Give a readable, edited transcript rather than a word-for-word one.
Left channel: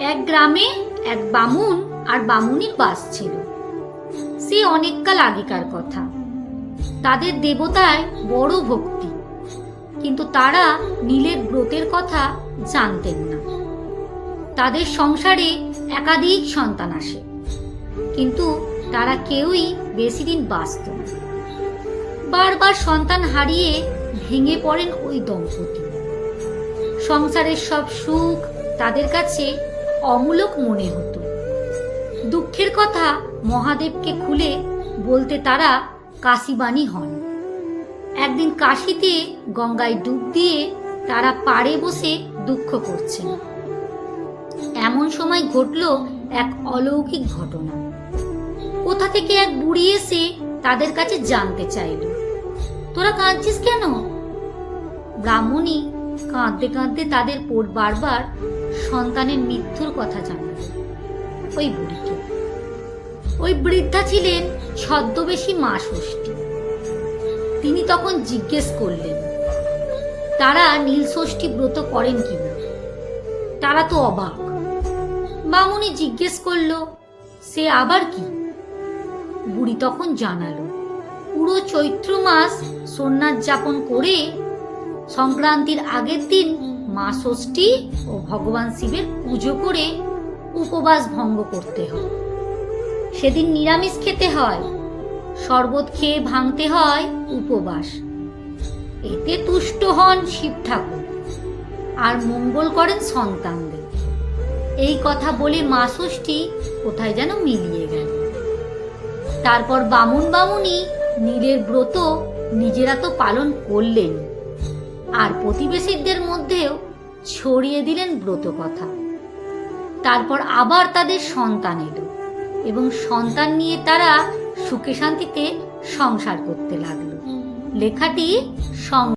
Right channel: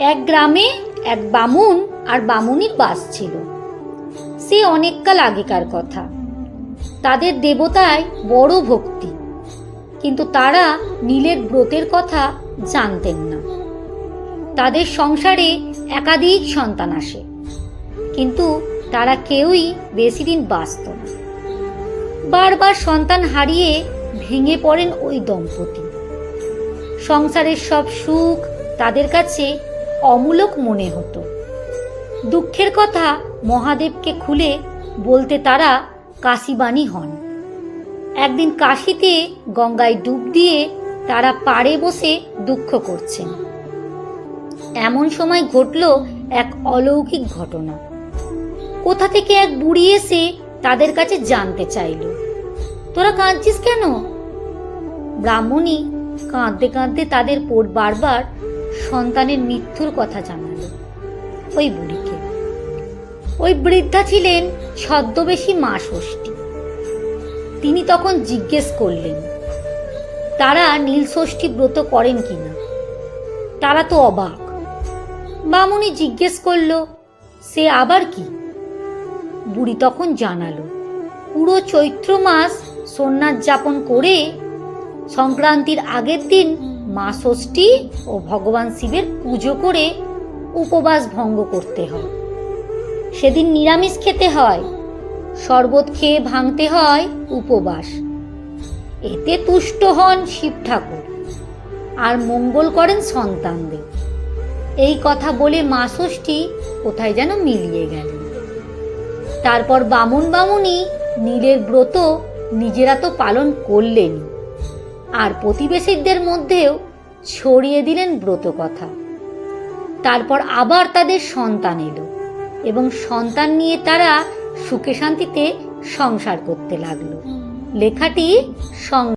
এক গ্রামে এক বামুন আর বামুনির বাস ছিল। সে অনেককাল আগেকার কথা। তাদের দেবতায় বড় ভক্তি, কিন্তু তারা নীলের ব্রতের কথা জানতেন না। তাদের সংসারে একাধিক সন্তান আসে, কিন্তু তারা কেউই বেশি দিন বাঁচত না। বারবার সন্তান হারিয়ে ভেঙে পড়েন ওই দম্পতি। সংসারের সব সুখ তাদের কাছে অমূলক মনে হতো। দুঃখের কথা মহাদেবকে খুলে বলতে তারা কাশিবাণী হন। একদিন কাশিতে গঙ্গায় ডুব দিয়ে তারা পাড়ে বসে দুঃখ করছেন। এমন সময় ঘটল এক অলৌকিক ঘটনা। কোথা থেকে এক বুড়ি এসে তাদের কাছে জানতে চাইল, তোরা কাঁদছিস কেন? ব্রাহ্মণী কাঁদতে কাঁদতে তাদের বারবার সন্তানের মৃত্যুর কথা জানালো ওই বুড়িকে। ওই বৃদ্ধা ছিলেন ছদ্মবেশী মা ষষ্ঠী। তিনি তখন জিজ্ঞেস করলেন, তারা নীল ষষ্ঠী ব্রত করেন কিনা? তারা তো অবাক। বামুনি জিজ্ঞেস করলো, সে আবার কি? বুড়ি তখন জানালো, পুরো চৈত্র মাস সন্ন্যাস যাপন করে সংক্রান্তির আগের দিন মা ষষ্ঠী ও ভগবান শিবের পুজো করে উপবাস ভঙ্গ করতে হয়। সেদিন নিরামিষ খেতে হয়, শরবত খেয়ে ভাঙতে হয় উপবাস। এতে তুষ্ট হন শিব ঠাকুর আর মঙ্গল করেন সন্তানদের। এই কথা বলে মা ষষ্ঠী কোথায় যেন মিলিয়ে গেলেন। তারপর বামুন বামুনি নীলের ব্রত নিজেরা তো পালন করলেন, আর প্রতিবেশীদের মধ্যেও ছড়িয়ে দিলেন ব্রত কথা। তারপর আবার তাদের সন্তান এলো এবং সন্তান নিয়ে তারা সুখে শান্তিতে সংসার করতে লাগলো। লেখাটি